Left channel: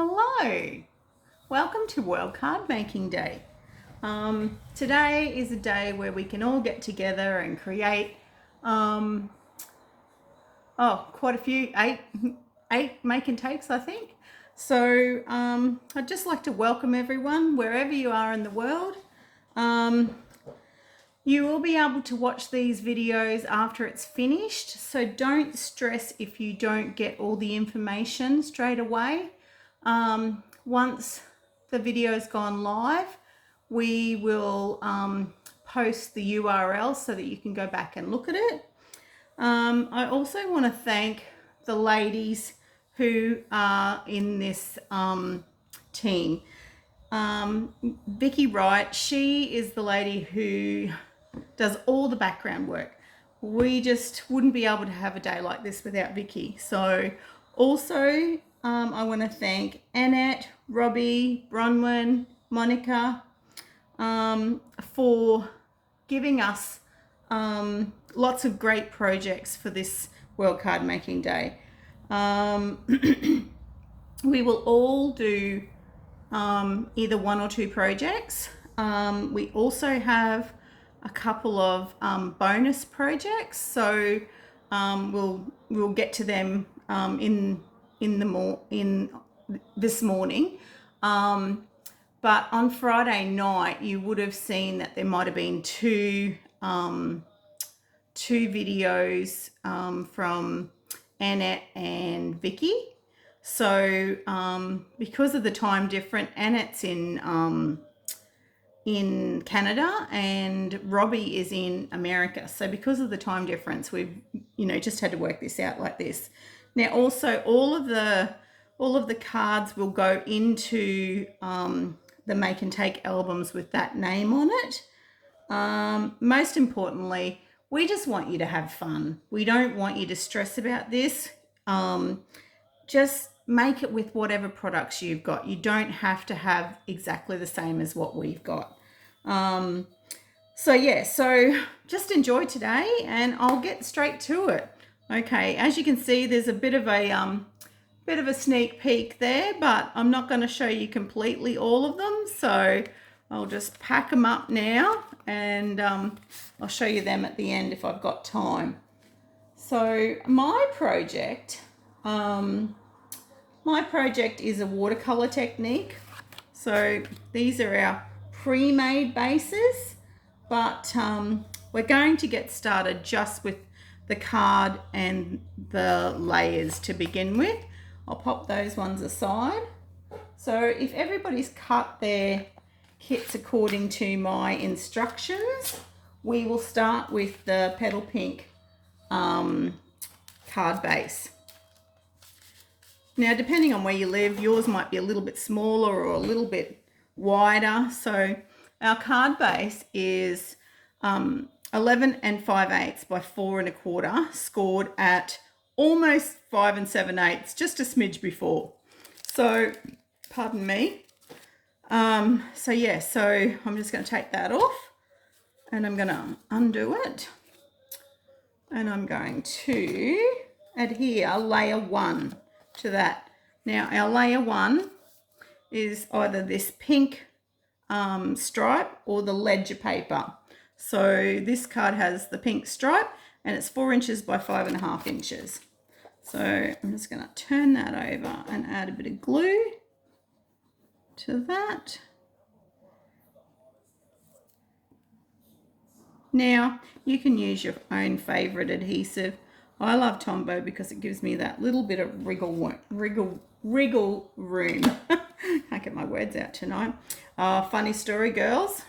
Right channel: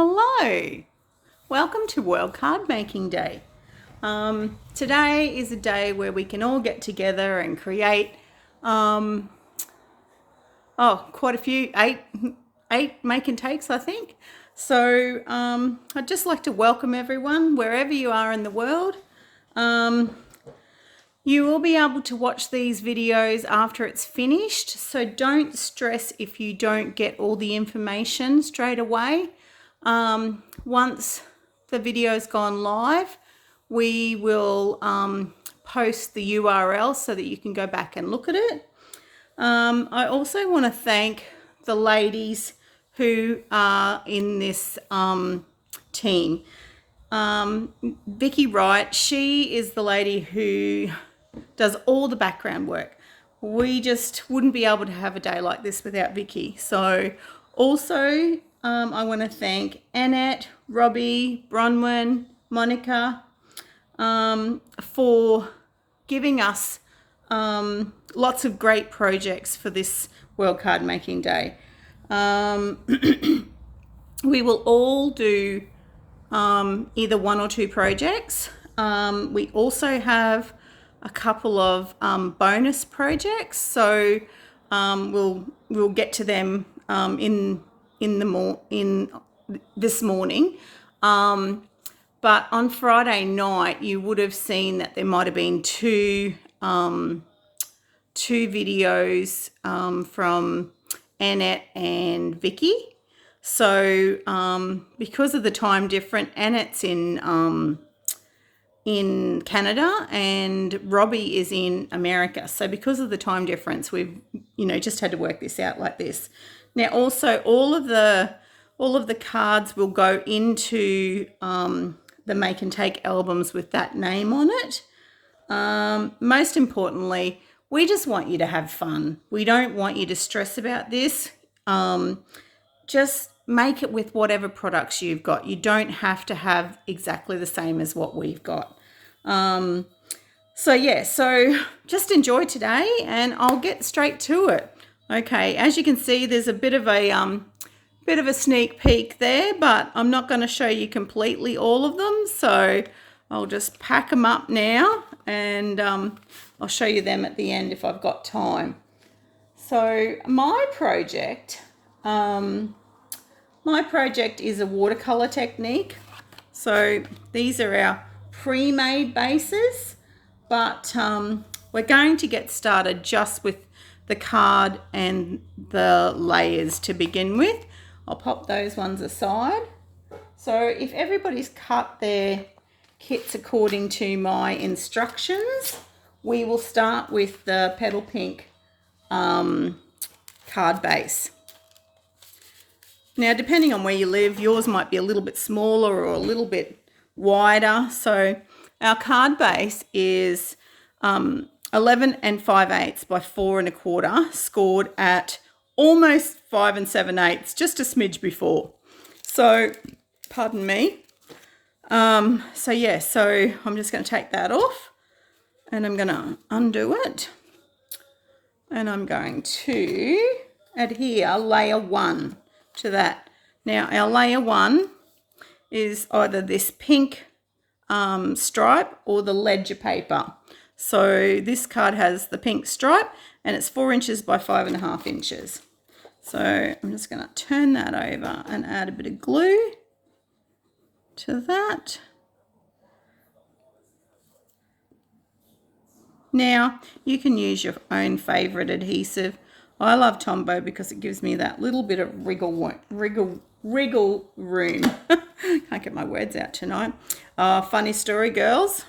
Hello, welcome to World Card Making Day. Today is a day where we can all get together and create quite a few, eight make and takes, I think. So I'd just like to welcome everyone wherever you are in the world. You will be able to watch these videos after it's finished, so don't stress if you don't get all the information straight away. Once the video's gone live, we will post the URL so that you can go back and look at it. I also want to thank the ladies who are in this team. Vicky Wright, she is the lady who does all the background work. We just wouldn't be able to have a day like this without Vicky. So also I want to thank Annette, Robbie, Bronwyn, Monica for giving us lots of great projects for this World Card Making Day. We will all do either one or two projects. We also have a couple of bonus projects, so we'll get to them in this morning. But on Friday night, you would have seen that there might have been two videos from Annette and Vicky. So because of the time difference, Annette's in Canada and Robbie is in America. So because of the time difference, we've just had to work this out like this. Now also all of the cards will go into the make and take albums with that name on it. Most importantly, we just want you to have fun. We don't want you to stress about this. Just make it with whatever products you've got. You don't have to have exactly the same as what we've got. So just enjoy today and I'll get straight to it. Okay, as you can see, there's a bit of a sneak peek there, but I'm not going to show you completely all of them. So I'll just pack them up now and I'll show you them at the end if I've got time. So my project is a Watercolour Technique. So these are our pre-made bases, but we're going to get started just with the card and the layers to begin with. I'll pop those ones aside. So if everybody's cut their kits according to my instructions, we will start with the Petal Pink card base. Now, depending on where you live, yours might be a little bit smaller or a little bit wider. So our card base is 11 5/8 by 4 1/4, scored at almost 5 7/8, just a smidge before. So, pardon me. So I'm just going to take that off and I'm going to undo it. And I'm going to adhere layer 1 to that. Now, our layer 1 is either this pink stripe or the ledger paper. So this card has the pink stripe and it's 4 inches by 5.5 inches. So I'm just going to turn that over and add a bit of glue to that. Now you can use your own favourite adhesive. I love Tombow because it gives me that little bit of wriggle room. Can't get my words out tonight. Funny story, girls.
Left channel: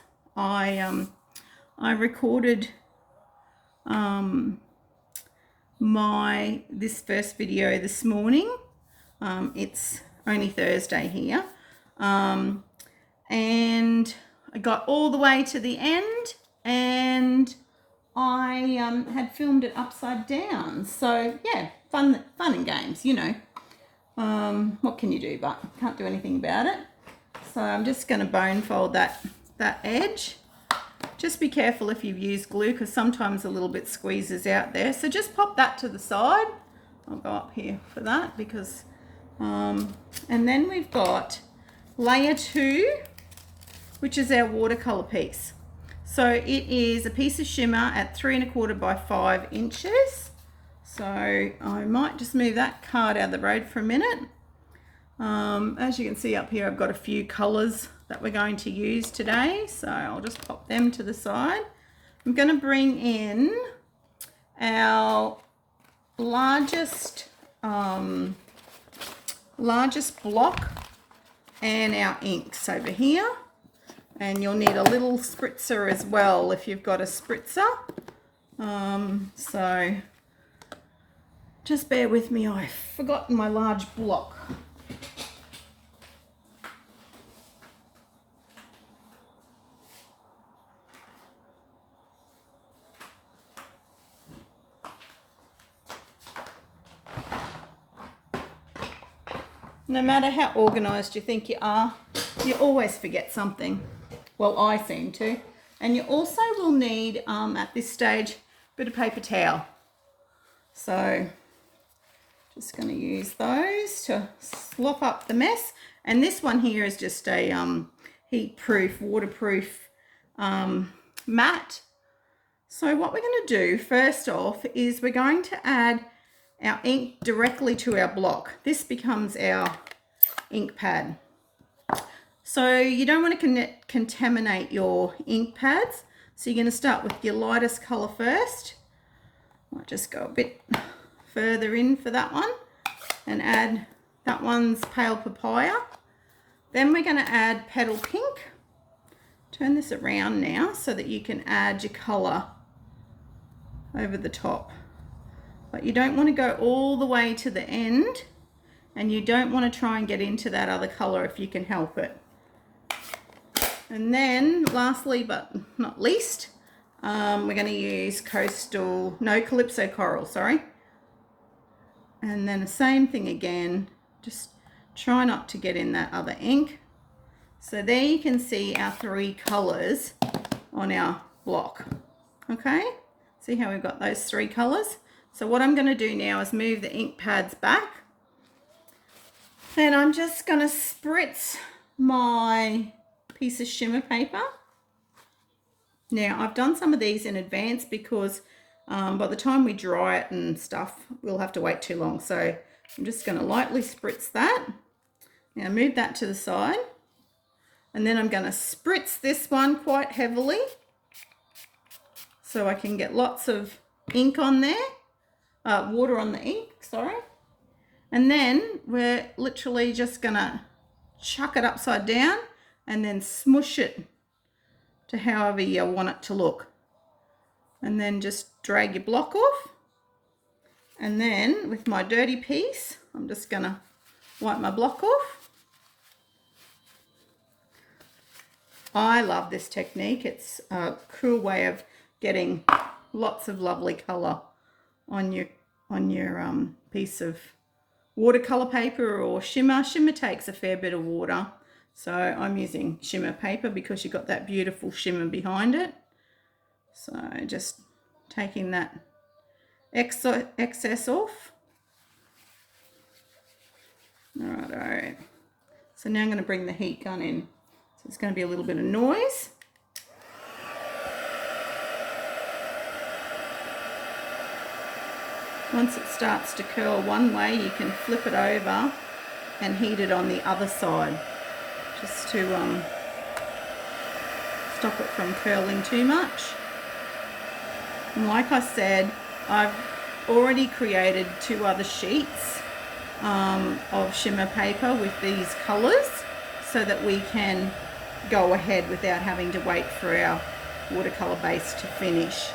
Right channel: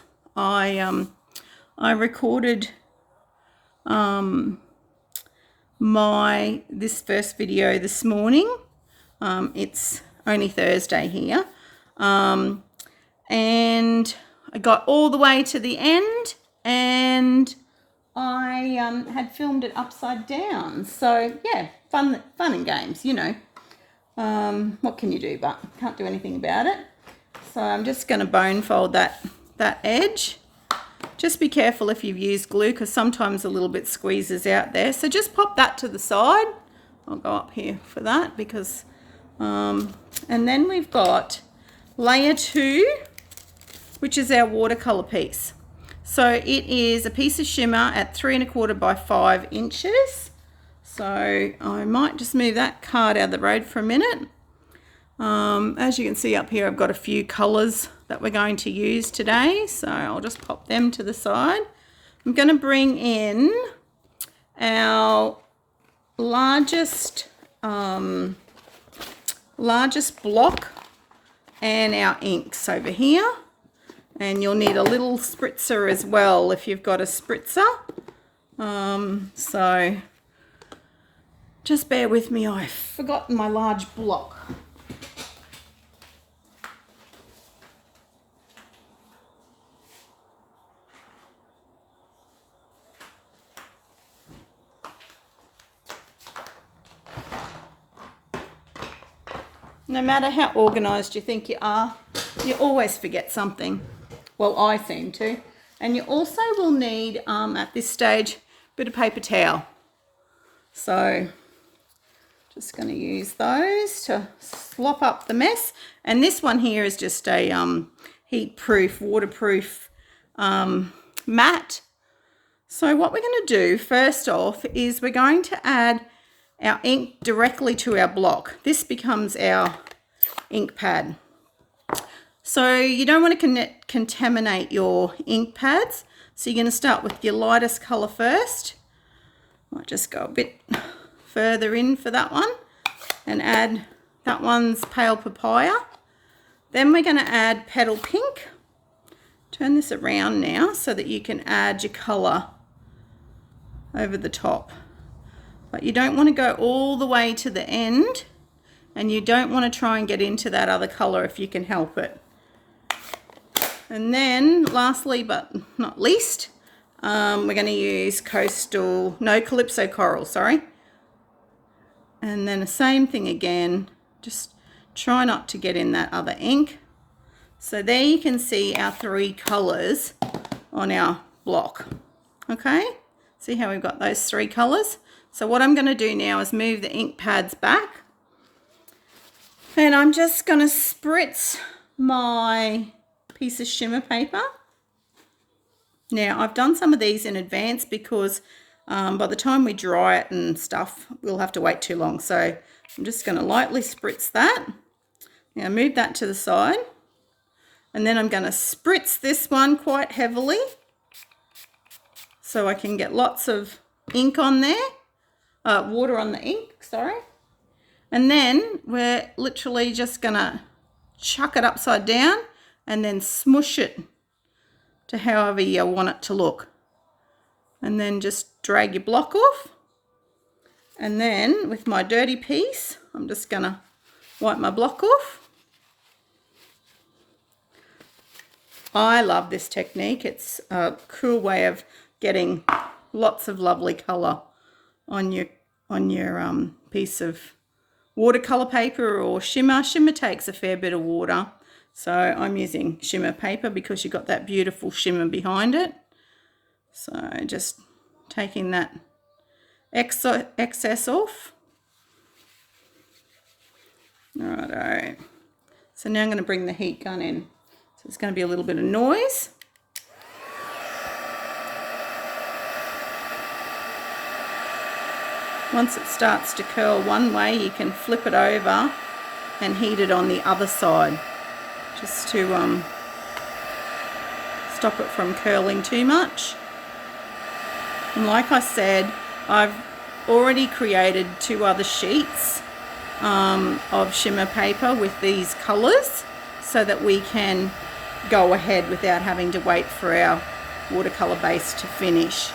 I recorded this first video this morning. It's only Thursday here, and I got all the way to the end, and I had filmed it upside down. So yeah, fun and games, What can you do? But can't do anything about it. So I'm just going to bone fold that edge. Just be careful if you've used glue because sometimes a little bit squeezes out there. So just pop that to the side. I'll go up here for that because And then we've got layer 2, which is our watercolor piece. So it is a piece of shimmer at 3 1/4 by 5 inches. So I might just move that card out of the road for a minute. As you can see up here, I've got a few colors that we're going to use today. So I'll just pop them to the side. I'm going to bring in our largest block and our inks over here. And you'll need a little spritzer as well if you've got a spritzer. So just bear with me, I've forgotten my large block. No matter how organised you think you are, you always forget something. Well, I seem to. And you also will need, at this stage, a bit of paper towel. So, just going to use those to slop up the mess. And this one here is just a heat-proof, waterproof mat. So what we're going to do, first off, is we're going to add our ink directly to our block. This becomes our ink pad. So you don't want to contaminate your ink pads. So you're going to start with your lightest colour first. Might just go a bit further in for that one and add that one's pale papaya. Then we're going to add petal pink. Turn this around now so that you can add your colour over the top. But you don't want to go all the way to the end, and you don't want to try and get into that other colour if you can help it. And then lastly but not least, we're going to use Calypso Coral, sorry. And then the same thing again, just try not to get in that other ink. So there you can see our 3 colours on our block. Okay, see how we've got those 3 colours? So what I'm going to do now is move the ink pads back, and I'm just going to spritz my piece of shimmer paper. Now I've done some of these in advance because by the time we dry it and stuff, we'll have to wait too long. So I'm just going to lightly spritz that. Now move that to the side, and then I'm going to spritz this one quite heavily so I can get lots of ink on there. Water on the ink, sorry. And then we're literally just gonna chuck it upside down and then smush it to however you want it to look. And then just drag your block off. And then with my dirty piece, I'm just gonna wipe my block off. I love this technique. It's a cool way of getting lots of lovely colour on your piece of watercolor paper or shimmer. Shimmer takes a fair bit of water, so I'm using shimmer paper because you've got that beautiful shimmer behind it. So just taking that excess off. Righto. So now I'm going to bring the heat gun in. So it's going to be a little bit of noise. Once it starts to curl one way, you can flip it over and heat it on the other side, just to stop it from curling too much. And like I said, I've already created 2 other sheets of shimmer paper with these colours so that we can go ahead without having to wait for our watercolour base to finish.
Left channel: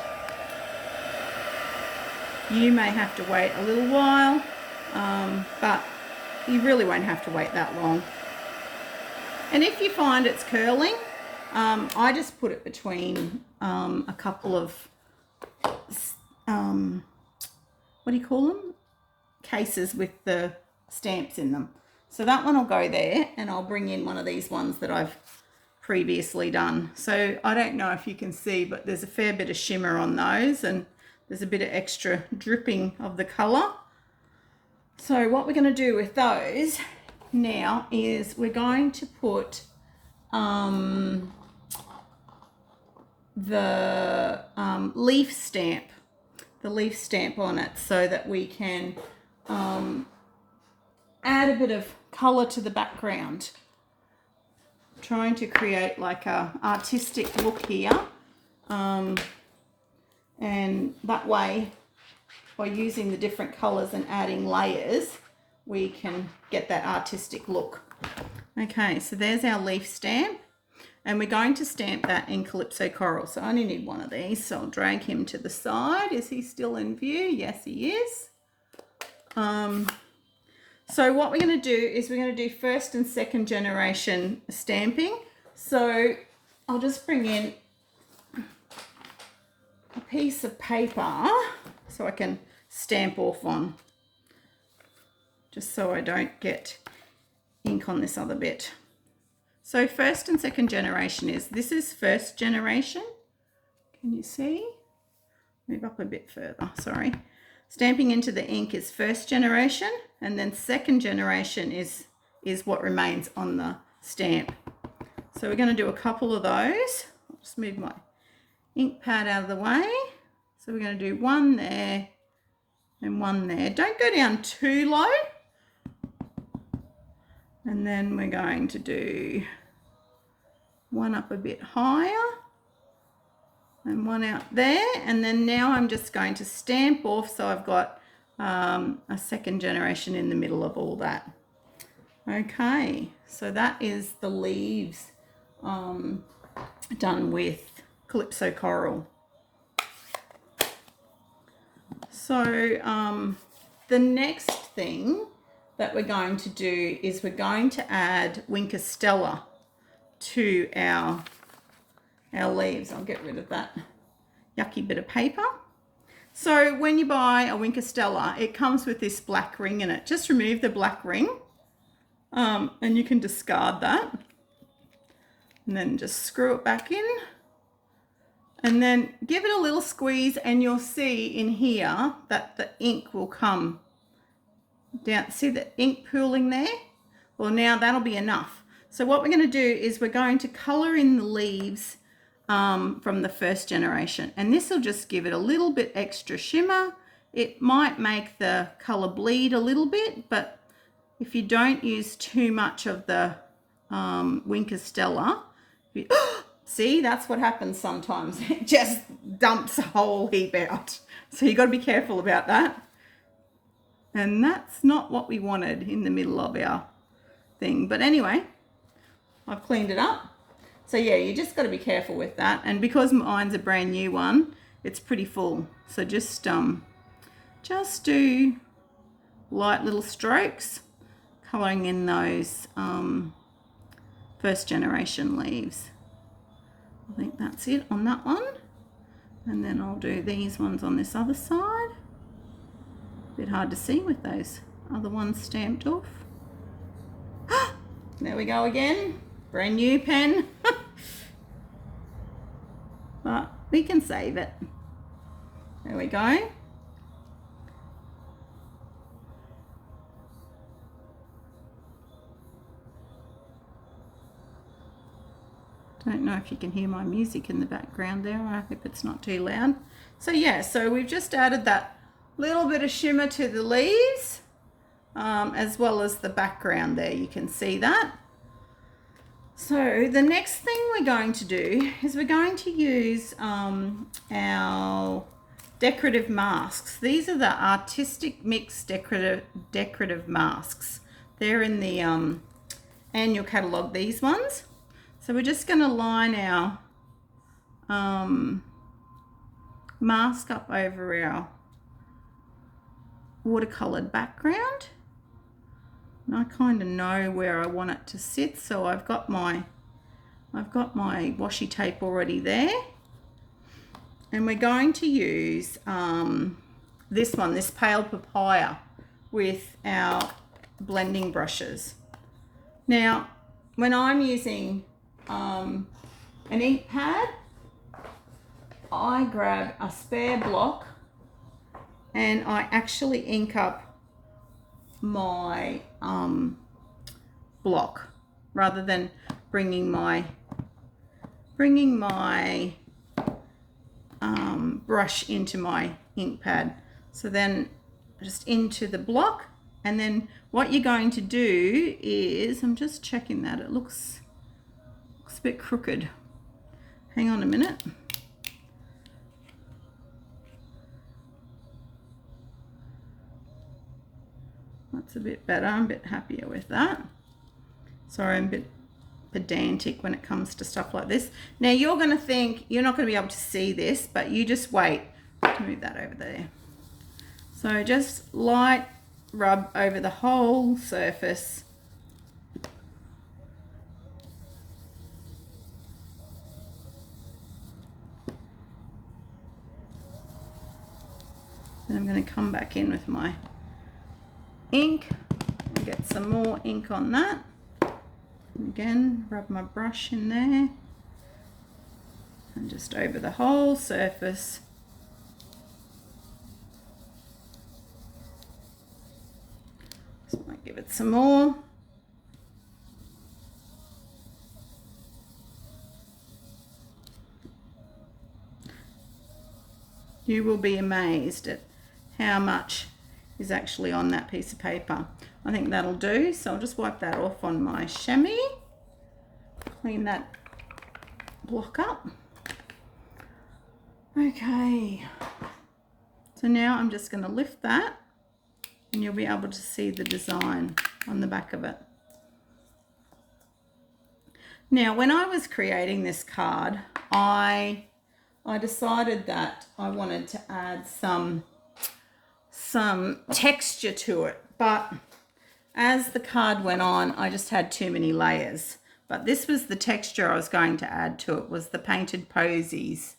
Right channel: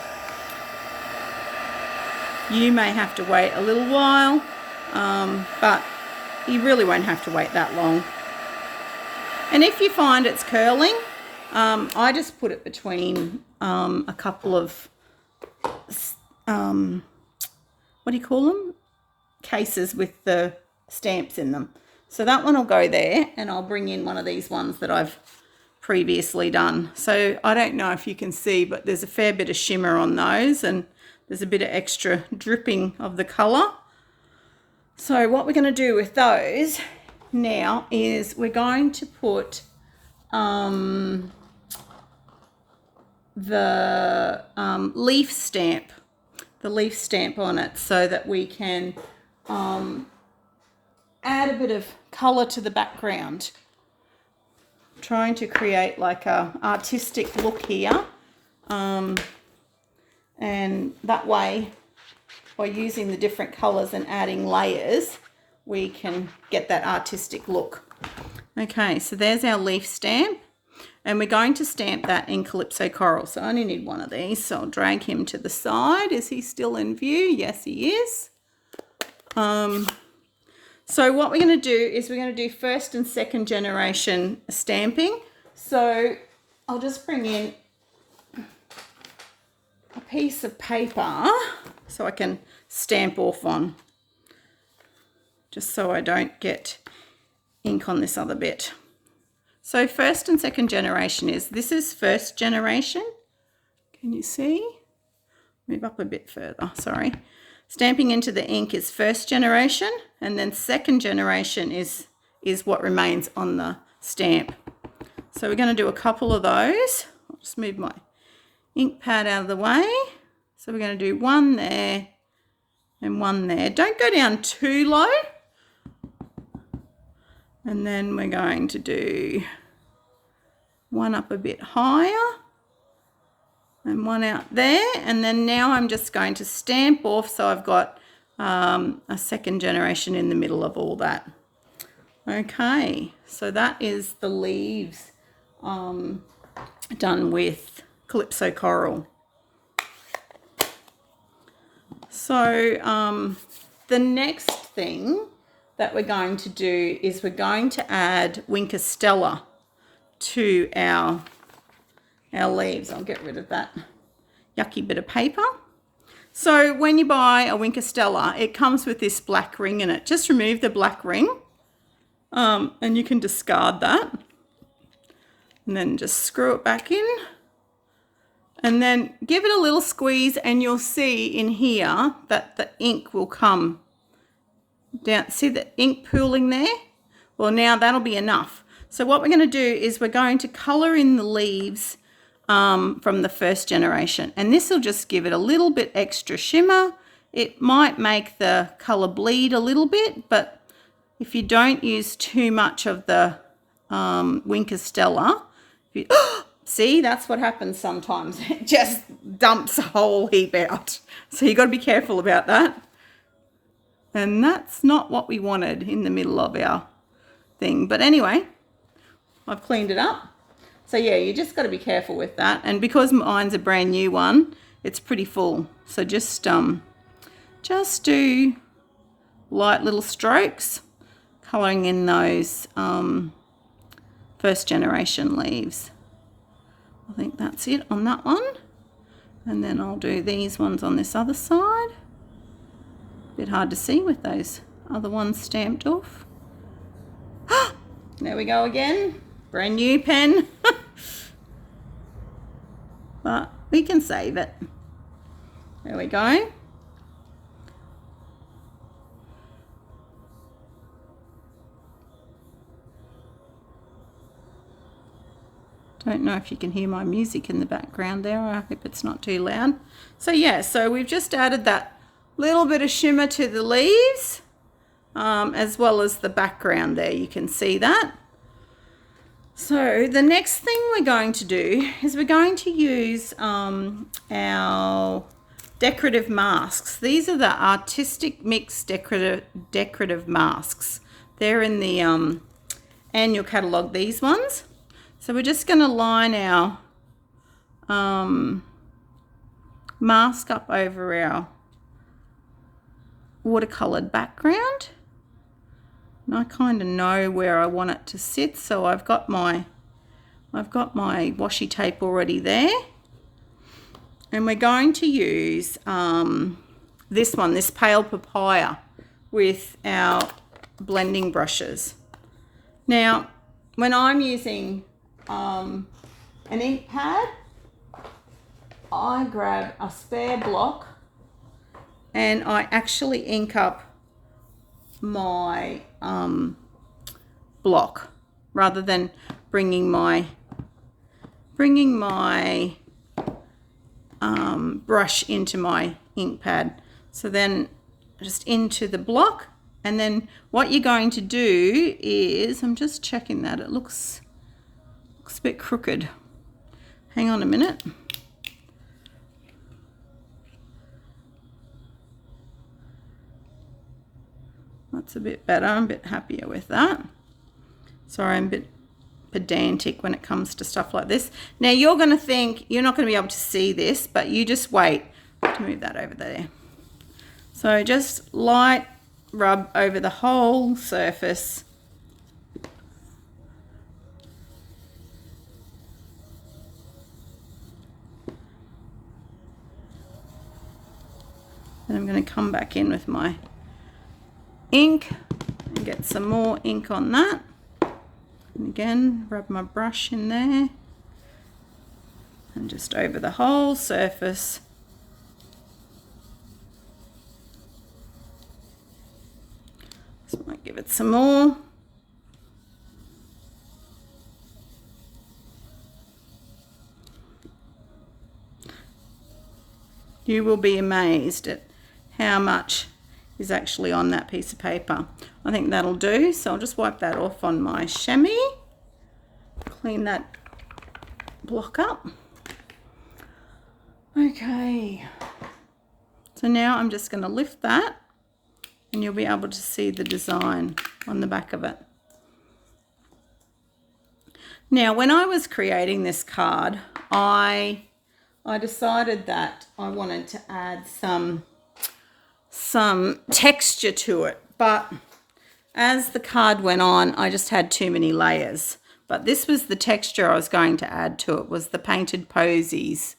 You may have to wait a little while, but you really won't have to wait that long. And if you find it's curling, I just put it between a couple of, what do you call them? Cases with the stamps in them. So that one will go there, and I'll bring in one of these ones that I've previously done. So I don't know if you can see, but there's a fair bit of shimmer on those, and there's a bit of extra dripping of the colour. So what we're going to do with those now is we're going to put the leaf stamp on it so that we can add a bit of colour to the background. Trying to create like a artistic look here, and that way by using the different colours and adding layers we can get that artistic look. Okay, so there's our leaf stamp, and we're going to stamp that in Calypso Coral. So I only need one of these, so I'll drag him to the side. Is he still in view? Yes, he is. So what we're going to do is we're going to do first and second generation stamping. So I'll just bring in a piece of paper so I can stamp off on, just so I don't get ink on this other bit. So first and second generation this is first generation. Can you see? Move up a bit further, sorry. Stamping into the ink is first generation, and then second generation is what remains on the stamp. So we're going to do a couple of those. I'll just move my ink pad out of the way. So we're going to do one there and one there. Don't go down too low. And then we're going to do one up a bit higher and one out there. And then now I'm just going to stamp off, so I've got a second generation in the middle of all that. Okay, so that is the leaves done with Calypso Coral. So the next thing that we're going to do is we're going to add Winker Stella to our leaves. I'll get rid of that yucky bit of paper. So when you buy a Winker Stella, it comes with this black ring in it. Just remove the black ring and you can discard that. And then just screw it back in. And then give it a little squeeze and you'll see in here that the ink will come down. See the ink pooling there? Well, now that'll be enough. So what we're going to do is we're going to colour in the leaves from the first generation, and this will just give it a little bit extra shimmer. It might make the colour bleed a little bit, but if you don't use too much of the Winker Stella, see, that's what happens sometimes. It just dumps a whole heap out. So you've got to be careful about that. And that's not what we wanted in the middle of our thing. But anyway, I've cleaned it up. So yeah, you just got to be careful with that. And because mine's a brand new one, it's pretty full. So just do light little strokes, colouring in those first generation leaves. I think that's it on that one. And then I'll do these ones on this other side. A bit hard to see with those other ones stamped off. There we go again. Brand new pen. But we can save it. There we go. Don't know if you can hear my music in the background there. I hope it's not too loud. So yeah, so we've just added that little bit of shimmer to the leaves, as well as the background there. You can see that. So the next thing we're going to do is we're going to use our decorative masks. These are the Artistic Mix decorative masks. They're in the annual catalogue, these ones. So we're just going to line our mask up over our watercoloured background. And I kind of know where I want it to sit, so I've got my washi tape already there. And we're going to use this pale papaya with our blending brushes. Now, when I'm using an ink pad, I grab a spare block and I actually ink up my block rather than bringing my brush into my ink pad. So then just into the block, and then what you're going to do is, I'm just checking that it looks a bit crooked. Hang on a minute. That's a bit better. I'm a bit happier with that. Sorry, I'm a bit pedantic when it comes to stuff like this. Now you're going to think you're not going to be able to see this, but you just wait. To move that over there. So just light rub over the whole surface. Then I'm going to come back in with my ink and get some more ink on that. And again, rub my brush in there and just over the whole surface. Just might give it some more. You will be amazed at how much is actually on that piece of paper. I think that'll do. So I'll just wipe that off on my chamois. Clean that block up. Okay. So now I'm just going to lift that and you'll be able to see the design on the back of it. Now, when I was creating this card, I decided that I wanted to add some texture to it, but as the card went on, I just had too many layers. But this was the texture I was going to add to it, was the Painted Posies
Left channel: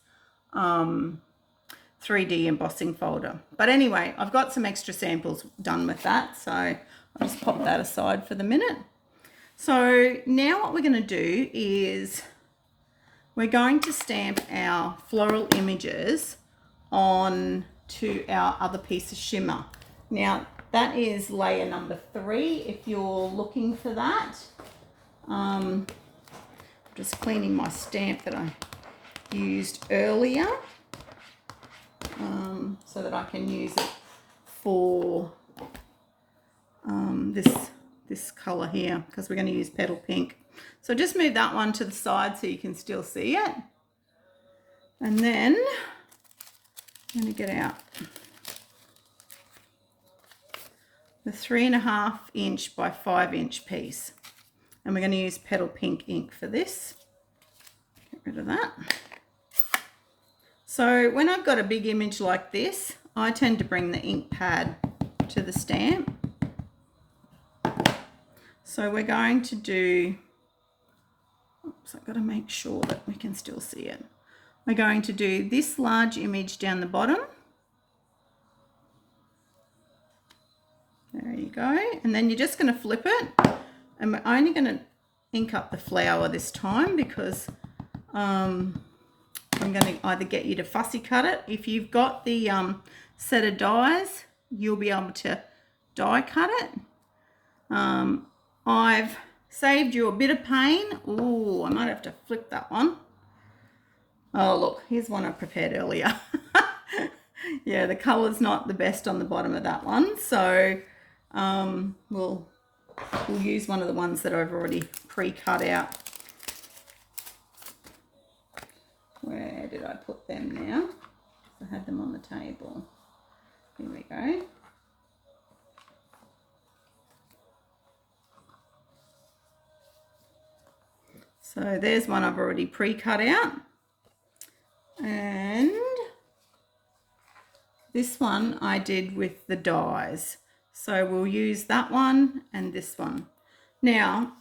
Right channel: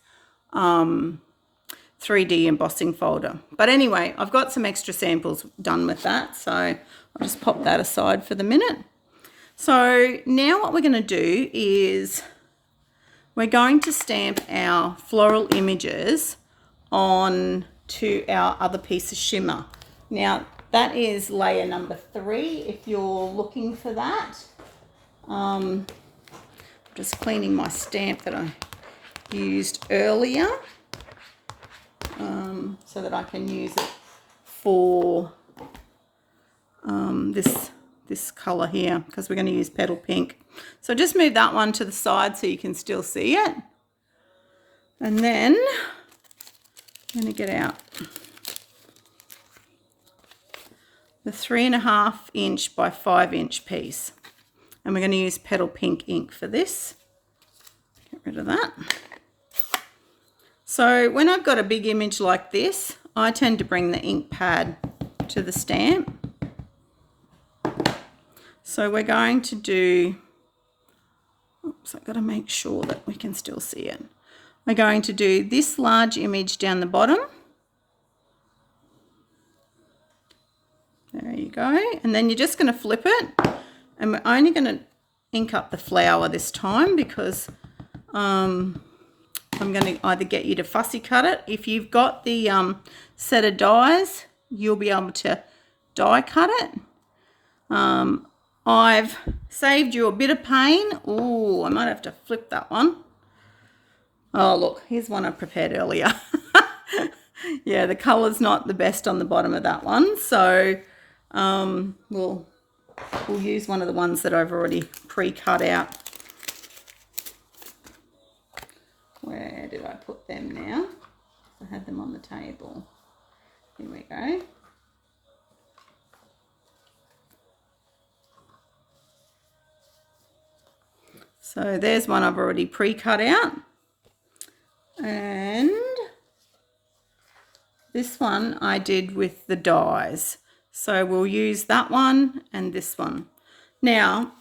3D embossing folder. But anyway, I've got some extra samples done with that, so I'll just pop that aside for the minute. So now what we're going to do is we're going to stamp our floral images on to our other piece of shimmer. Now that is layer number 3 if you're looking for that. Just cleaning my stamp that I used earlier so that I can use it for this colour here, because we're going to use Petal Pink. So just move that one to the side so you can still see it. And then I'm going to get out the 3.5 inch by 5 inch piece. And we're going to use Petal Pink ink for this. Get rid of that. So when I've got a big image like this, I tend to bring the ink pad to the stamp. So we're going to do, oops, I've got to make sure that we can still see it. We're going to do this large image down the bottom. There you go. And then you're just going to flip it. And we're only going to ink up the flower this time, because I'm going to either get you to fussy cut it. If you've got the set of dies, you'll be able to die cut it. I've saved you a bit of pain. Oh, I might have to flip that one. Oh, look, here's one I prepared earlier. Yeah, the colour's not the best on the bottom of that one. So we'll use one of the ones that I've already pre-cut out. Where did I put them now? I had them on the table. Here we go. So there's one I've already pre-cut out. And this one I did with the dies. So we'll use that one and this one. Now,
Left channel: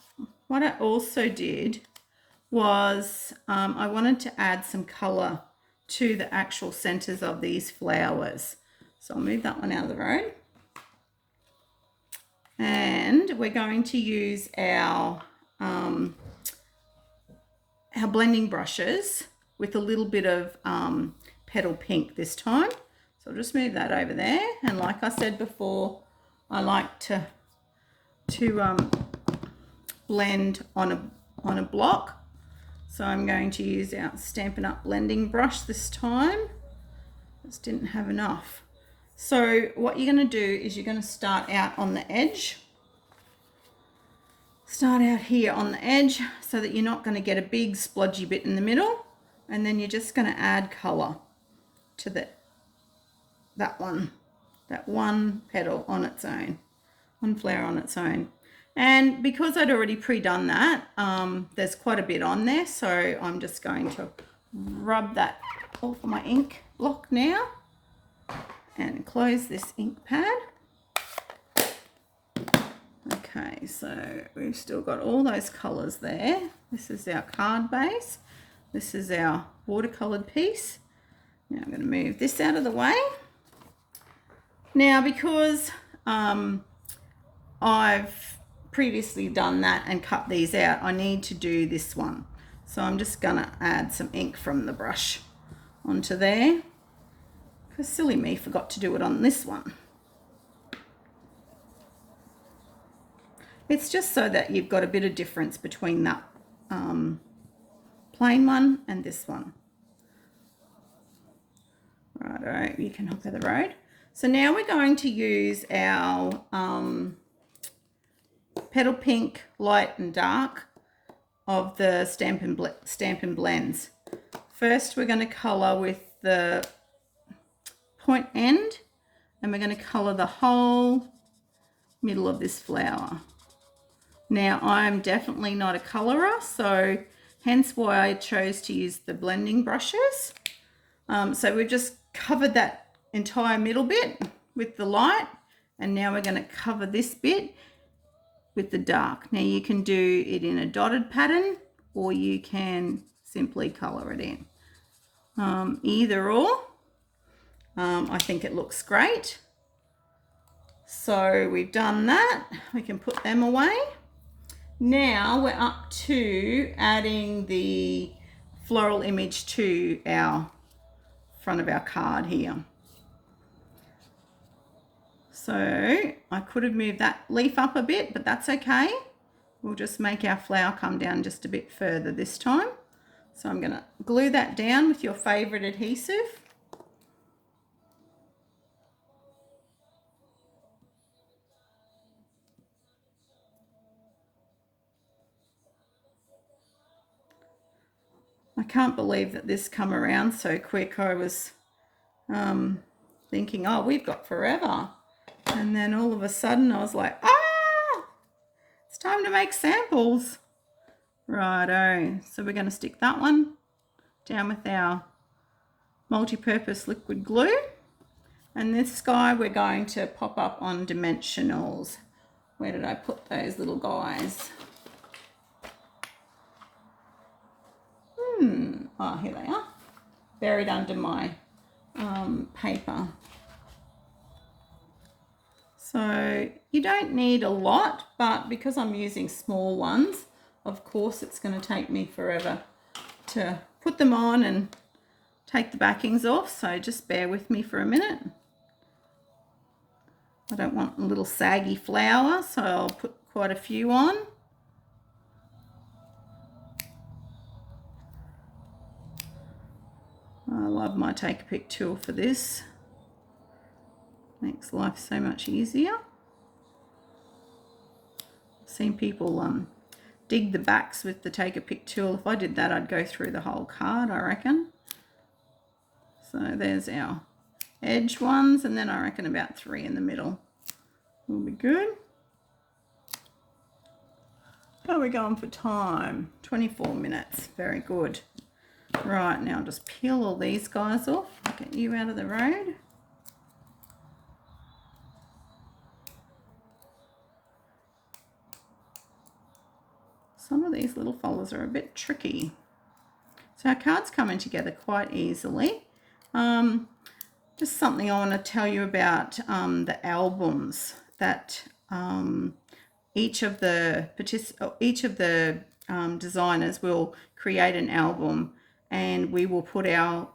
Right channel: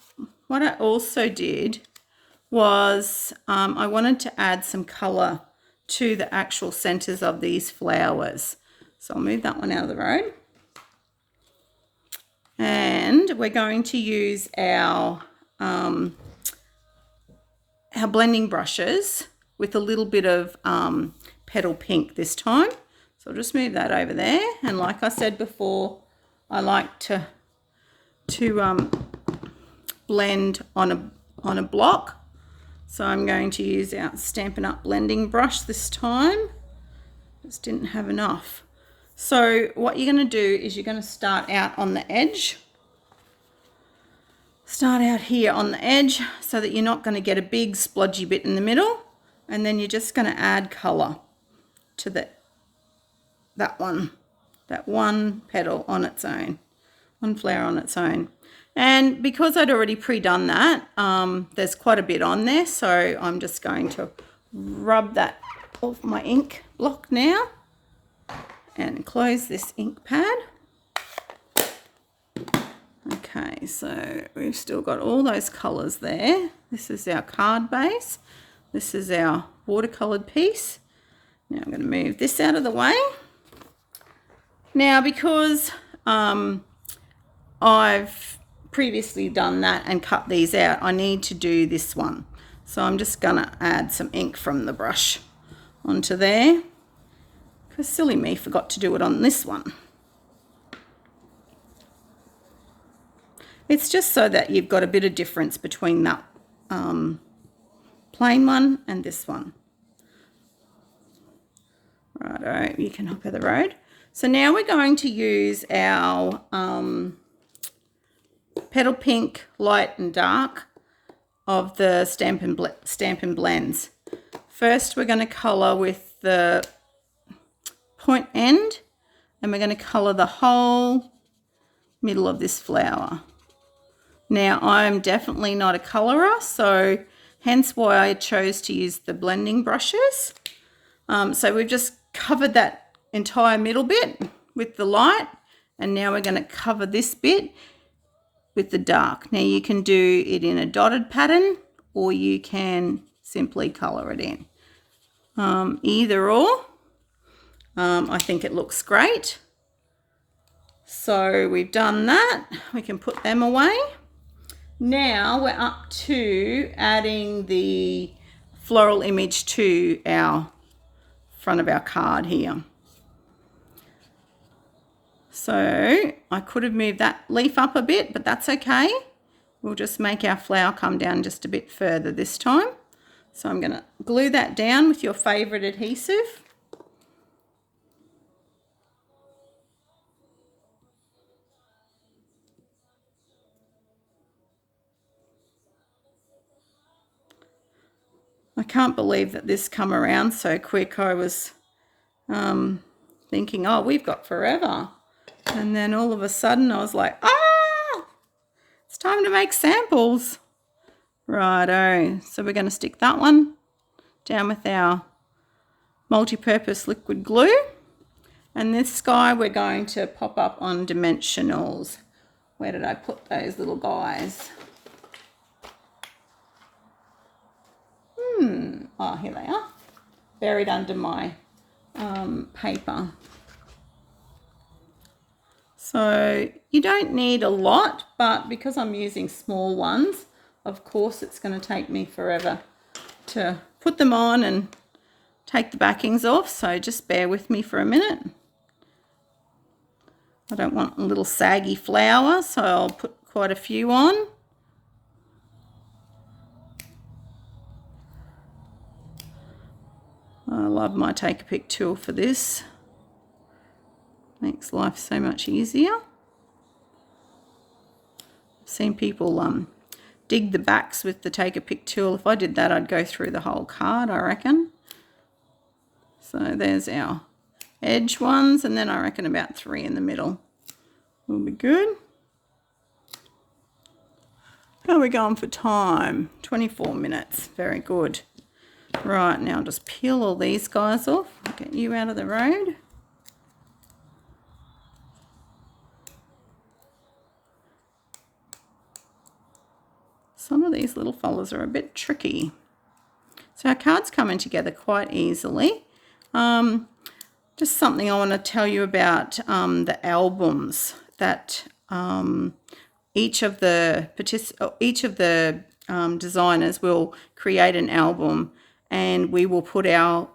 what I also did was I wanted to add some colour to the actual centres of these flowers. So I'll move that one out of the road. And we're going to use our blending brushes with a little bit of Petal Pink this time. So I'll just move that over there. And like I said before, I like to blend on a block. So I'm going to use our Stampin' Up! Blending brush this time. Just didn't have enough. So what you're going to do is you're going to start out on the edge. Start out here on the edge so that you're not going to get a big splodgy bit in the middle, and then you're just going to add colour to that one petal on its own, one flower on its own. And because I'd already pre-done that, there's quite a bit on there, so I'm just going to rub that off my ink block now and close this ink pad. Okay, so we've still got all those colours there. This is our card base. This is our watercoloured piece. Now I'm going to move this out of the way. Now, because I've previously done that and cut these out, I need to do this one. So I'm just going to add some ink from the brush onto there, because silly me, forgot to do it on this one. It's just so that you've got a bit of difference between that plain one and this one. Righto, you can hop of the road. So now we're going to use our Petal Pink Light and Dark of the Stampin' Blends. First we're going to colour with the point end, and we're going to colour the whole middle of this flower. Now, I'm definitely not a colourer, so hence why I chose to use the blending brushes. So we've just covered that entire middle bit with the light, and now we're going to cover this bit with the dark. Now, you can do it in a dotted pattern, or you can simply colour it in. Either or, I think it looks great. So we've done that. We can put them away. Now we're up to adding the floral image to our front of our card here. So I could have moved that leaf up a bit, but that's okay. We'll just make our flower come down just a bit further this time. So I'm going to glue that down with your favourite adhesive. I can't believe that this come around so quick. I was thinking, oh, we've got forever. And then all of a sudden I was like, it's time to make samples. Righto. So we're going to stick that one down with our multi-purpose liquid glue. And this guy we're going to pop up on dimensionals. Where did I put those little guys? Oh, here they are, buried under my paper. So you don't need a lot, but because I'm using small ones, of course it's going to take me forever to put them on and take the backings off, so just bear with me for a minute. I don't want a little saggy flower, so I'll put quite a few on. I love my Take a Pick tool for this. Makes life so much easier. I've seen people dig the backs with the Take a Pick tool. If I did that, I'd go through the whole card, I reckon. So there's our edge ones, and then I reckon about 3 in the middle will be good. How are we going for time? 24 minutes. Very good. Right, now I'll just peel all these guys off. Get you out of the road. Some of these little fellas are a bit tricky. So our card's coming together quite easily. Just something I want to tell you about the albums that each of the designers will create an album, and we will put our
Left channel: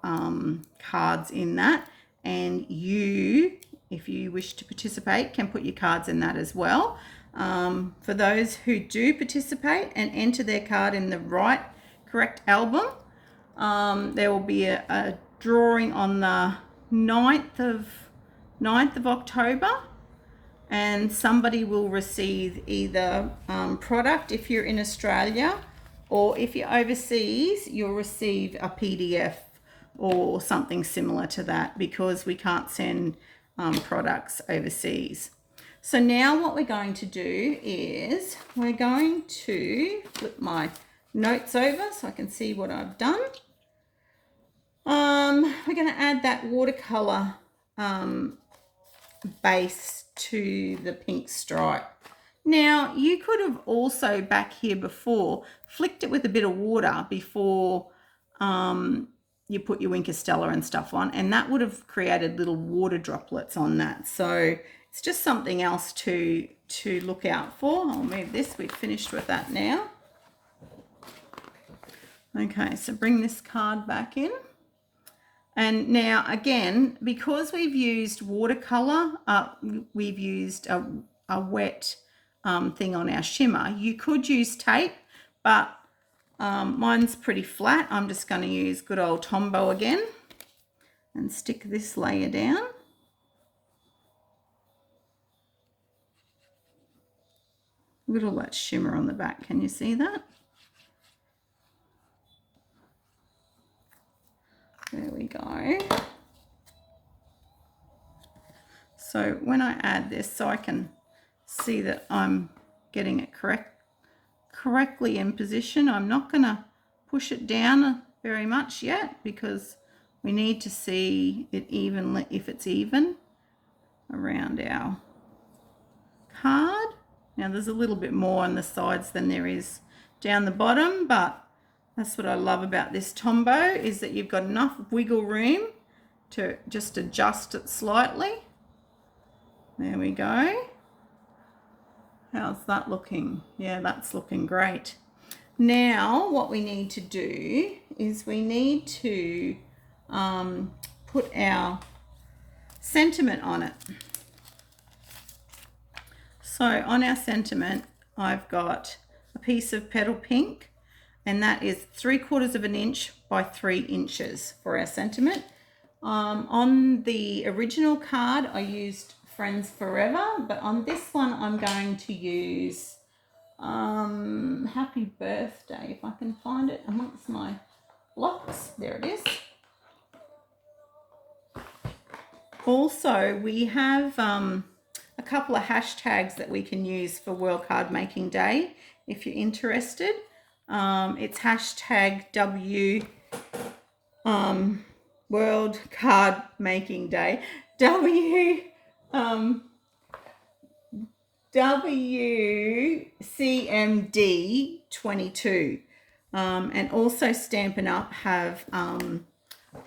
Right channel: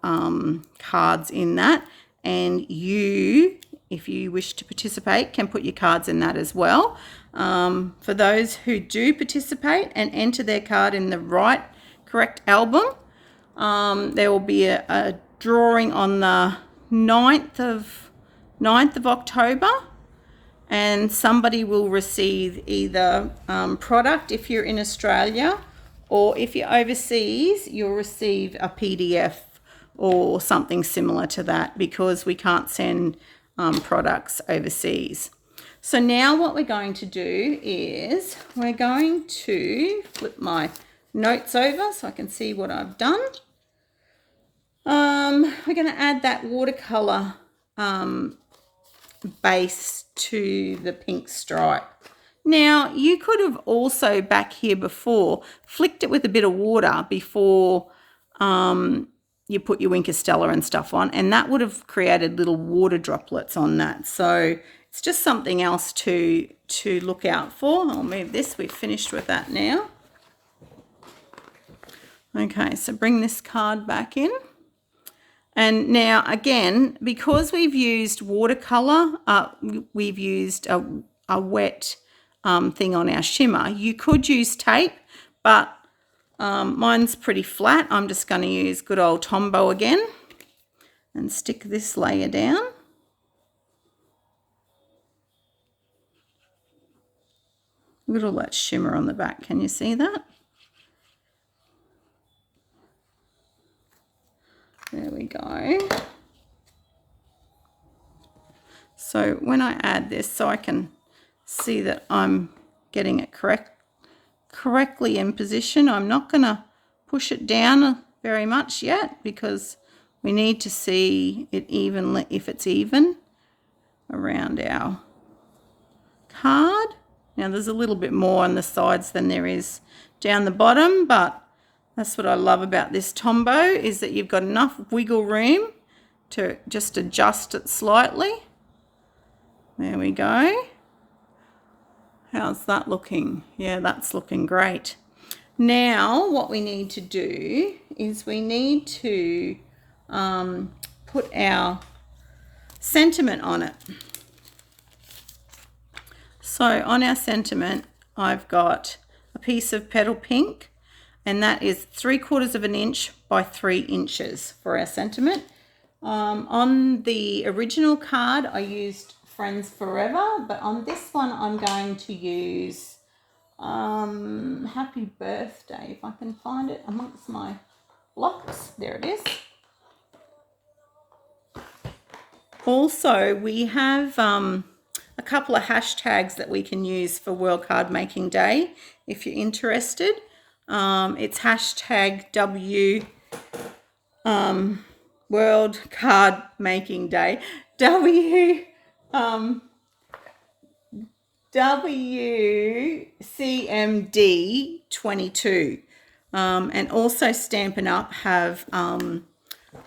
cards in that, and you, if you wish to participate, can put your cards in that as well. For those who do participate and enter their card in the correct album, there will be a drawing on the 9th of October, and somebody will receive either product if you're in Australia, or if you're overseas, you'll receive a PDF or something similar to that, because we can't send products overseas. So now what we're going to do is we're going to flip my notes over so I can see what I've done. We're going to add that watercolour base to the pink stripe. Now, you could have also back here before flicked it with a bit of water before you put your Wink of Stella and stuff on, and that would have created little water droplets on that. So it's just something else to look out for. I'll move this. We've finished with that now. Okay, so bring this card back in. And now again, because we've used watercolour, we've used a wet thing on our shimmer. You could use tape, but mine's pretty flat. I'm just going to use good old Tombow again and stick this layer down. Look at all that shimmer on the back. Can you see that? There we go. So when I add this, so I can see that I'm getting it correctly in position, I'm not going to push it down very much yet, because we need to see it evenly, if it's even around our card. Now there's a little bit more on the sides than there is down the bottom, but that's what I love about this Tombow, is that you've got enough wiggle room to just adjust it slightly. There we go. How's that looking? Yeah, that's looking great. Now what we need to do is we need to put our sentiment on it. So on our sentiment, I've got a piece of petal pink, and that is 3/4 of an inch by 3 inches for our sentiment. On the original card, I used Friends Forever, but on this one, I'm going to use Happy Birthday, if I can find it amongst my blocks. There it is. Also, we have a couple of hashtags that we can use for World Card Making Day, if you're interested. It's hashtag World Card Making Day, WCMD22, and also Stampin' Up have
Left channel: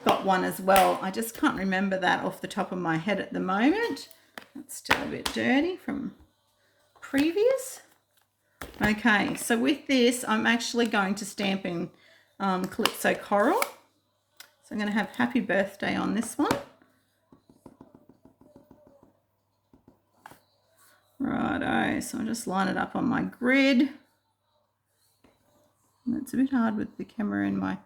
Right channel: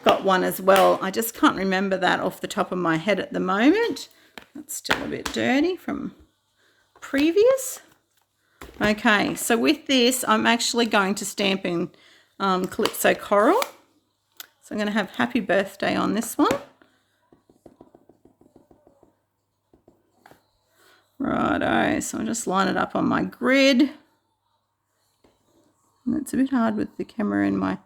got one as well. I just can't remember that off the top of my head at the moment. That's still a bit dirty from previous. Okay, so with this, I'm actually going to stamp in Calypso Coral. So I'm going to have Happy Birthday on this one. Righto, so I'll just line it up on my grid. And it's a bit hard with the camera in my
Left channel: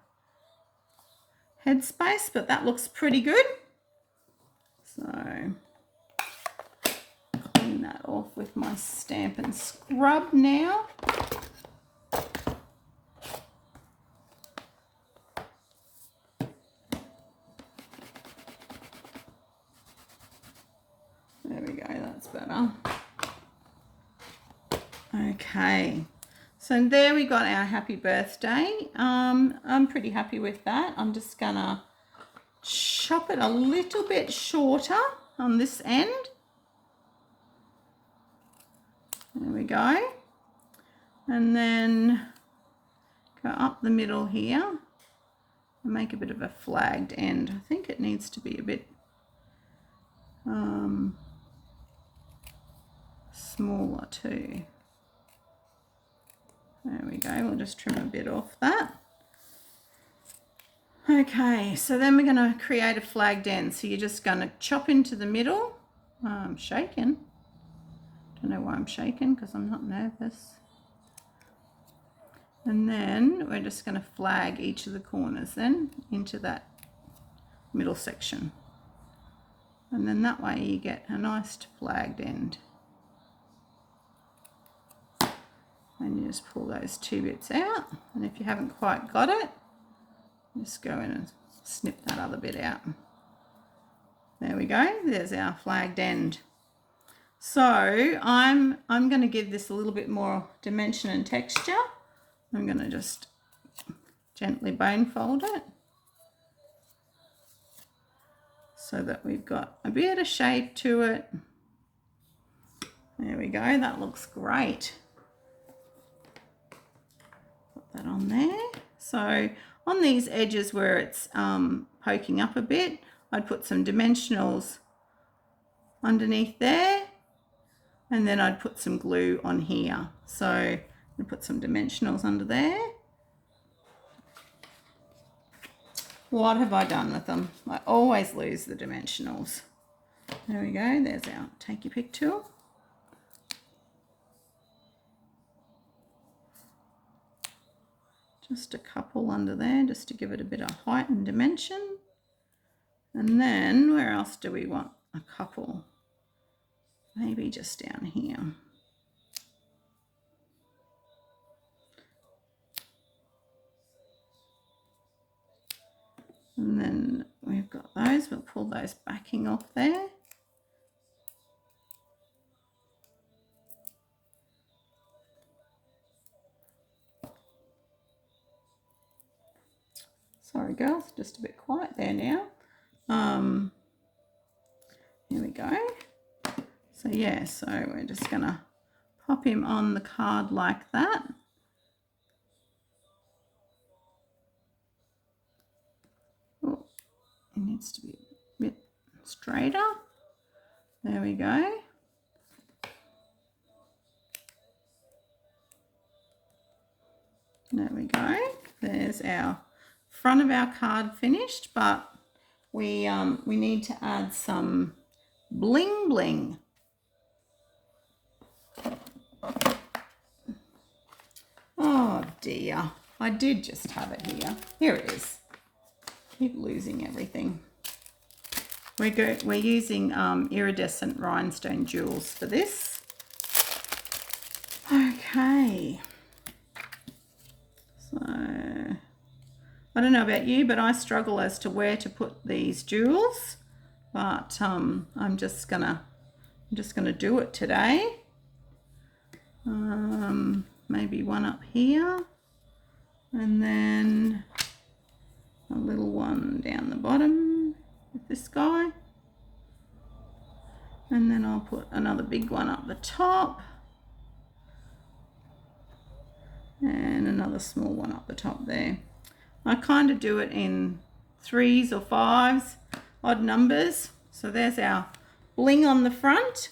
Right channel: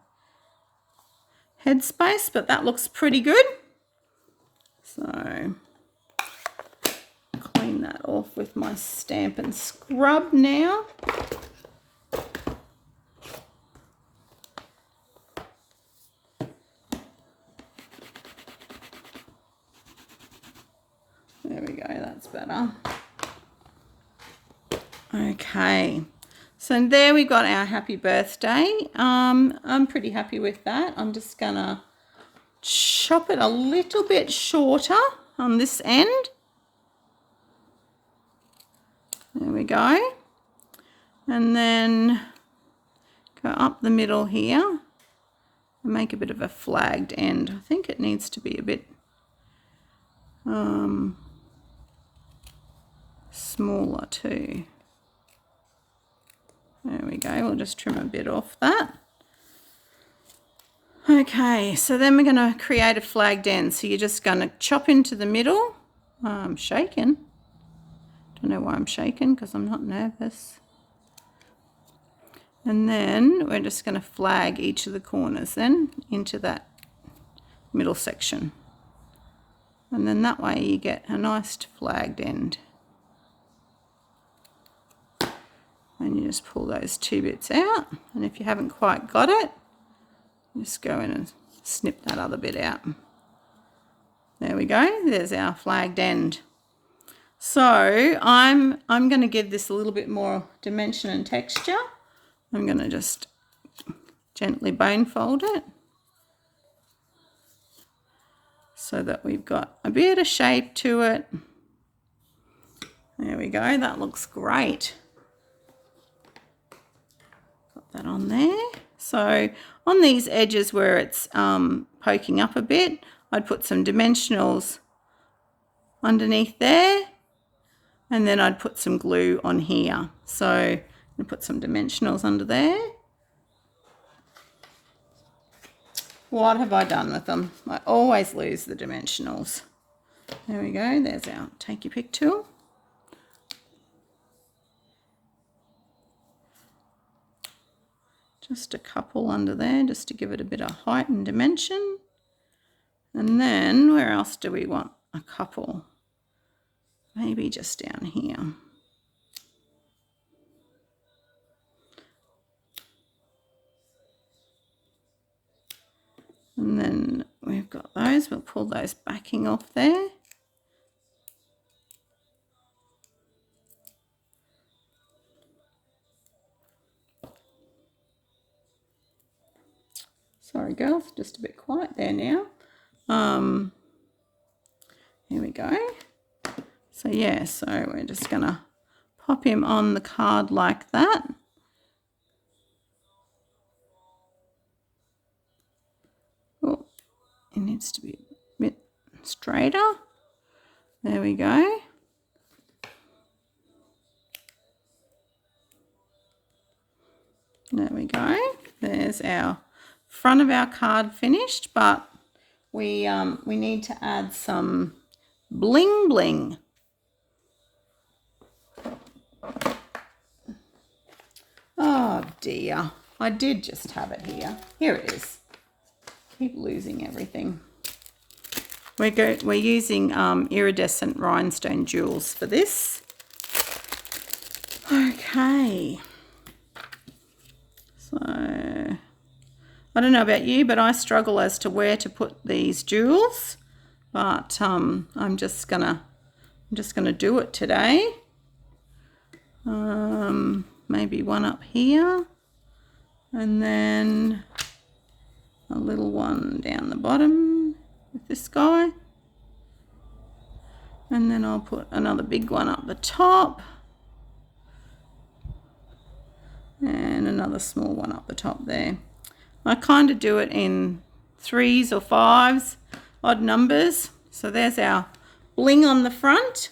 headspace, but that looks pretty good. So clean that off with my stamp and scrub now. There we go, that's better. Okay, so there we got our Happy Birthday. I'm pretty happy with that. I'm just gonna chop it a little bit shorter on this end. There we go. And then go up the middle here and make a bit of a flagged end. I think it needs to be a bit smaller too. There we go, we'll just trim a bit off that. Okay, so then we're going to create a flagged end. So you're just going to chop into the middle. I'm shaking. Don't know why I'm shaking, because I'm not nervous. And then we're just going to flag each of the corners then into that middle section. And then that way you get a nice flagged end. And you just pull those two bits out. And if you haven't quite got it, just go in and snip that other bit out. There we go. There's our flagged end. So I'm going to give this a little bit more dimension and texture. I'm going to just gently bone fold it so that we've got a bit of shape to it. There we go. That looks great. Put that on there. So on these edges where it's poking up a bit, I'd put some dimensionals underneath there. And then I'd put some glue on here. So I'm put some dimensionals under there. What have I done with them? I always lose the dimensionals. There we go. There's our take your pick tool. Just a couple under there just to give it a bit of height and dimension. And then where else do we want a couple? Maybe just down here. And then we've got those. We'll pull those backing off there. Sorry girls, just a bit quiet there now. Here we go. So yeah, so we're just gonna pop him on the card like that. Oh, it needs to be a bit straighter. There we go. There we go. There's our front of our card finished, but we need to add some bling bling. Oh dear, I did just have it here. Here it is. Keep losing everything. We're using iridescent rhinestone jewels for this. Okay. So I don't know about you, but I struggle as to where to put these jewels. But I'm just gonna do it today. Maybe one up here, and then a little one down the bottom with this guy, and then I'll put another big one up the top, and another small one up the top there. I kind of do it in 3s or 5s, odd numbers. So there's our bling on the front.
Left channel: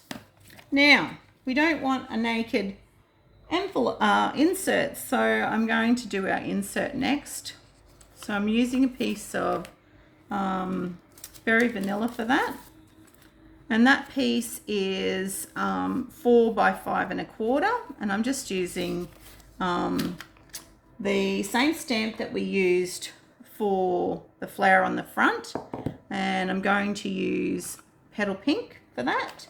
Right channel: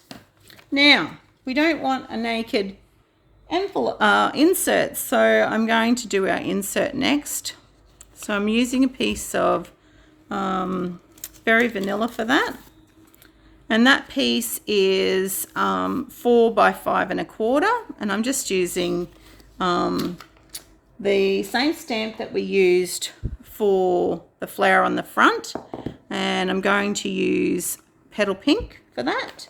Now we don't want a naked envelope insert, so I'm going to do our insert next. So I'm using a piece of Very Vanilla for that, and that piece is 4 by 5 1/4, and I'm just using the same stamp that we used for the flower on the front, and I'm going to use Petal Pink for that.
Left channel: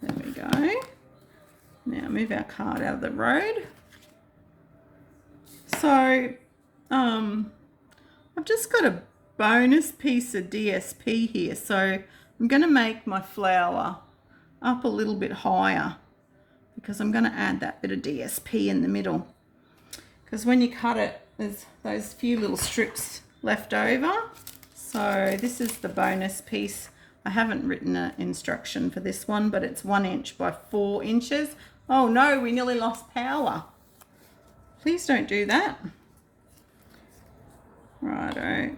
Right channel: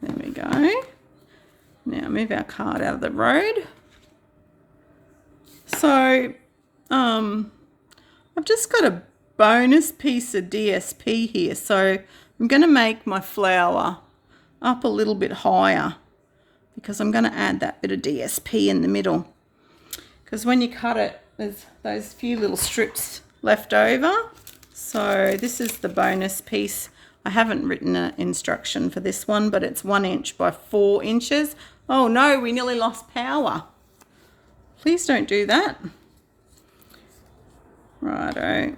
There we go. Now move our card out of the road. So I've just got a bonus piece of DSP here, so I'm going to make my flower up a little bit higher because I'm going to add that bit of DSP in the middle, because when you cut it there's those few little strips left over. So this is the bonus piece. I haven't written an instruction for this one, but it's 1 inch by 4 inches. Oh no, we nearly lost power. Please don't do that. Righto.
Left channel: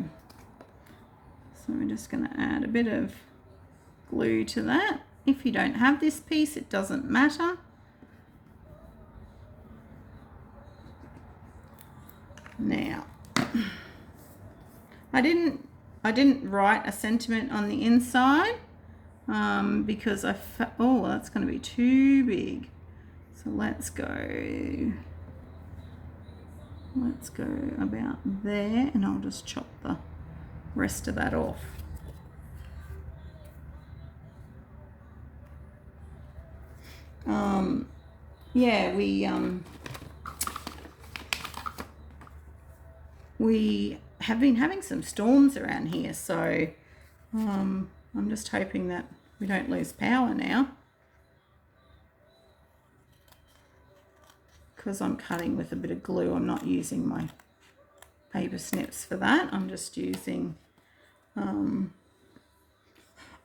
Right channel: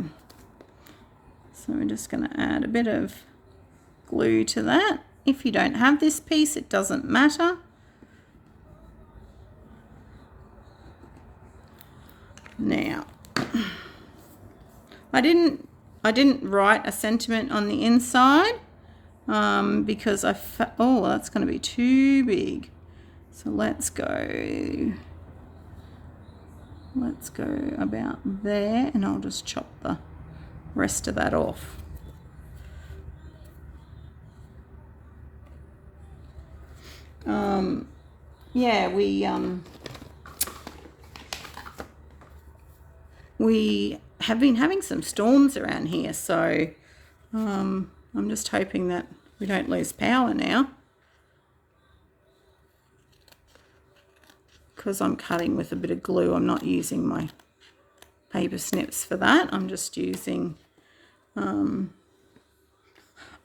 So we're just going to add a bit of glue to that. If you don't have this piece, it doesn't matter. Now, I didn't write a sentiment on the inside because oh, that's going to be too big. So let's go about there, and I'll just chop the rest of that off. Yeah, we have been having some storms around here, so I'm just hoping that we don't lose power now, because I'm cutting with a bit of glue. I'm not using my paper snips for that. I'm just using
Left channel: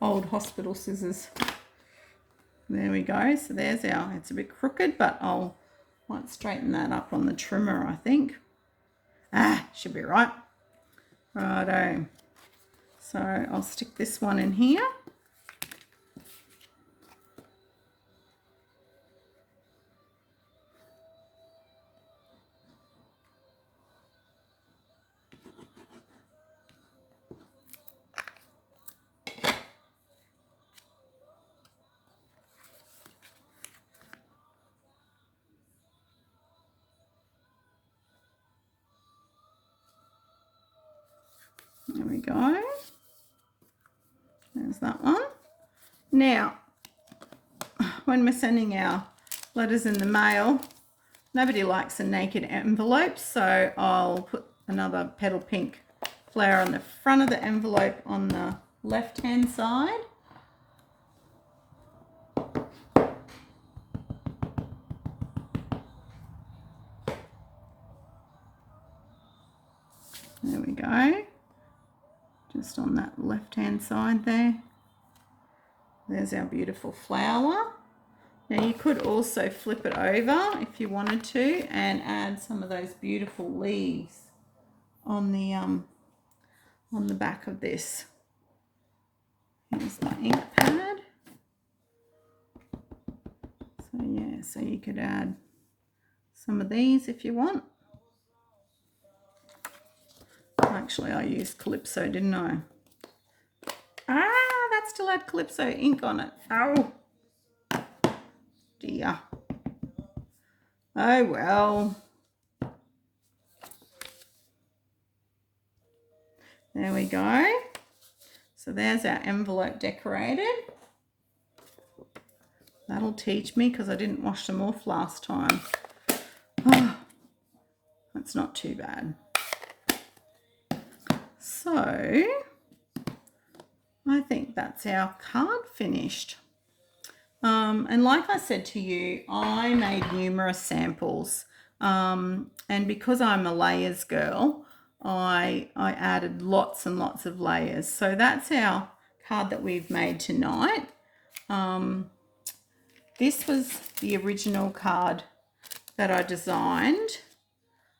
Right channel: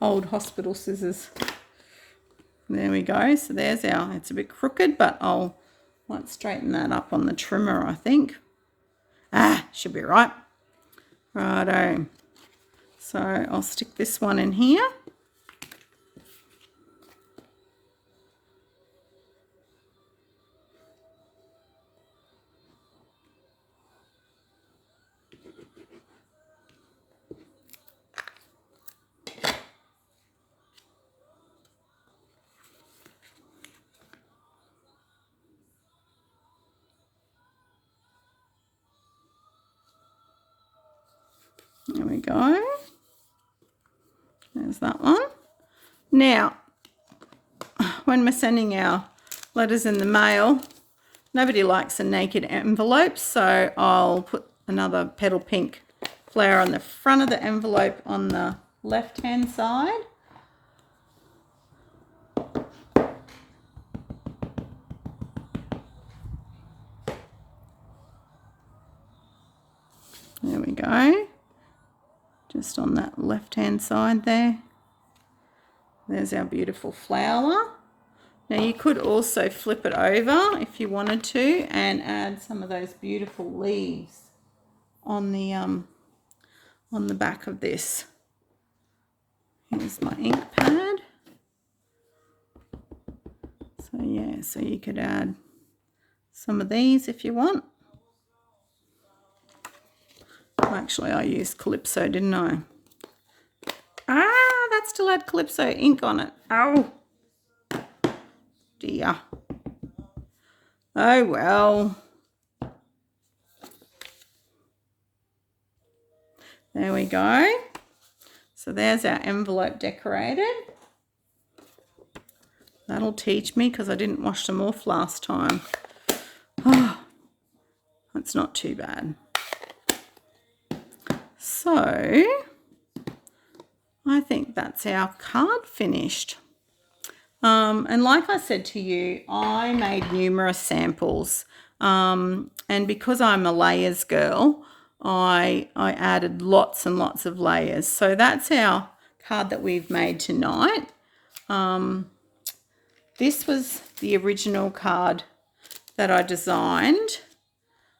old hospital scissors. There we go. So there's it's a bit crooked, but I'll might straighten that up on the trimmer, I think. Should be right. Righto. So I'll stick this one in here. There we go. There's that one. Now, when we're sending our letters in the mail, nobody likes a naked envelope, so I'll put another petal pink flower on the front of the envelope on the left-hand side. There we go. Just on that left-hand side there. There's our beautiful flower. Now you could also flip it over if you wanted to and add some of those beautiful leaves on the back of this. Here's my ink pad. So yeah, so you could add some of these if you want. Actually, I used Calypso, didn't I? That still had Calypso ink on it. Oh, dear. Oh, well. There we go. So there's our envelope decorated. That'll teach me because I didn't wash them off last time. Oh, that's not too bad. So I think that's our card finished. And like I said to you, I made numerous samples. And because I'm a layers girl, I added lots and lots of layers. So that's our card that we've made tonight. This was the original card that I designed.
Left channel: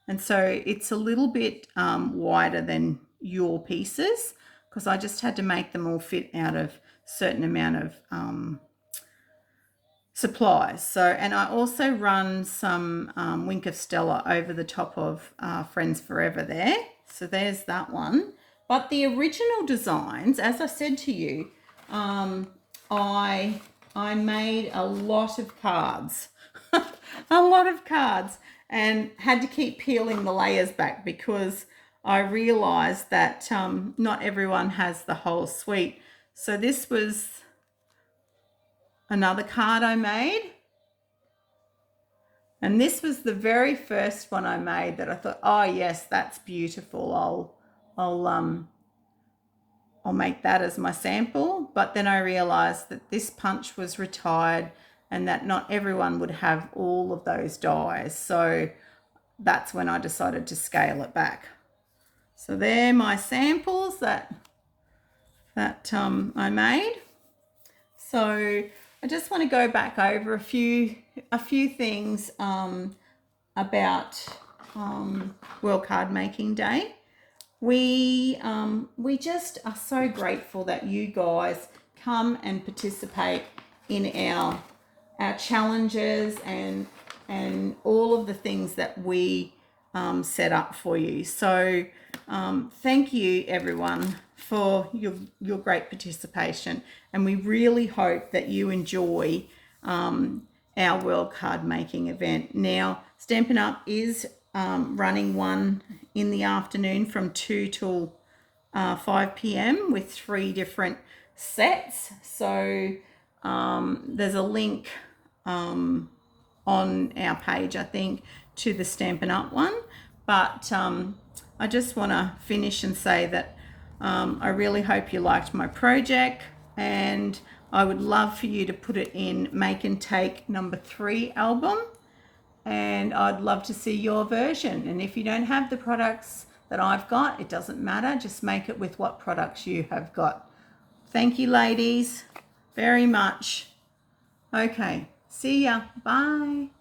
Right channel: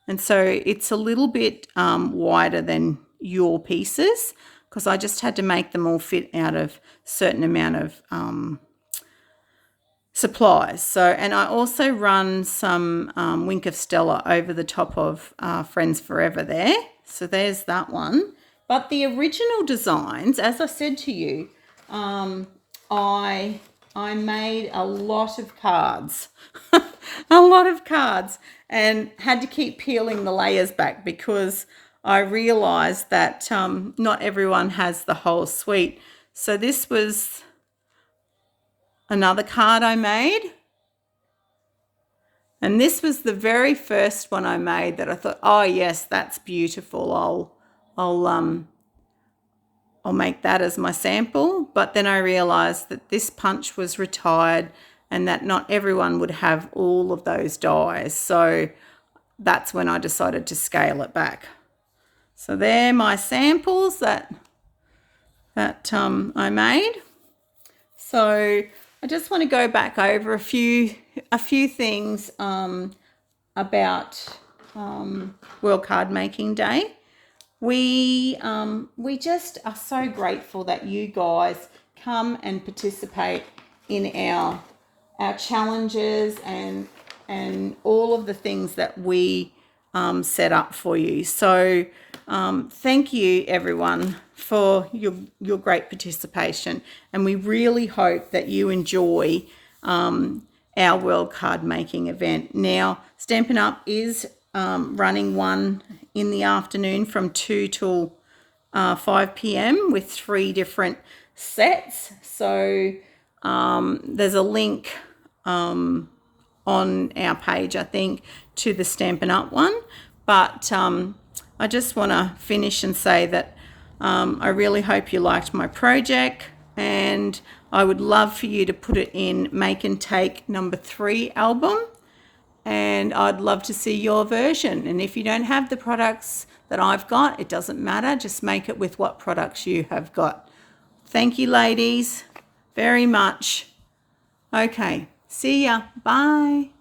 And so it's a little bit wider than your pieces because I just had to make them all fit out of a certain amount of supplies. So, and I also run some Wink of Stella over the top of Friends Forever there. So there's that one. But the original designs, as I said to you, I made a lot of cards, a lot of cards, and had to keep peeling the layers back because I realised that not everyone has the whole suite. So this was another card I made. And this was the very first one I made that I thought, oh yes, that's beautiful. I'll make that as my sample. But then I realised that this punch was retired and that not everyone would have all of those dies. So that's when I decided to scale it back. So they're my samples that I made. So I just want to go back over a few things about World Card Making Day. We just are so grateful that you guys come and participate in our challenges and all of the things that we set up for you. So thank you everyone for your great participation, and we really hope that you enjoy our World Card Making event. Now, Stampin' Up is running one in the afternoon from 2 till 5 p.m. with 3 different sets. So there's a link on our page, I think, to the Stampin' Up one. But I just want to finish and say that I really hope you liked my project, and I would love for you to put it in Make and Take number 3 album, and I'd love to see your version. And if you don't have the products that I've got, it doesn't matter, just make it with what products you have got. Thank you, ladies, very much. Okay, see ya, bye.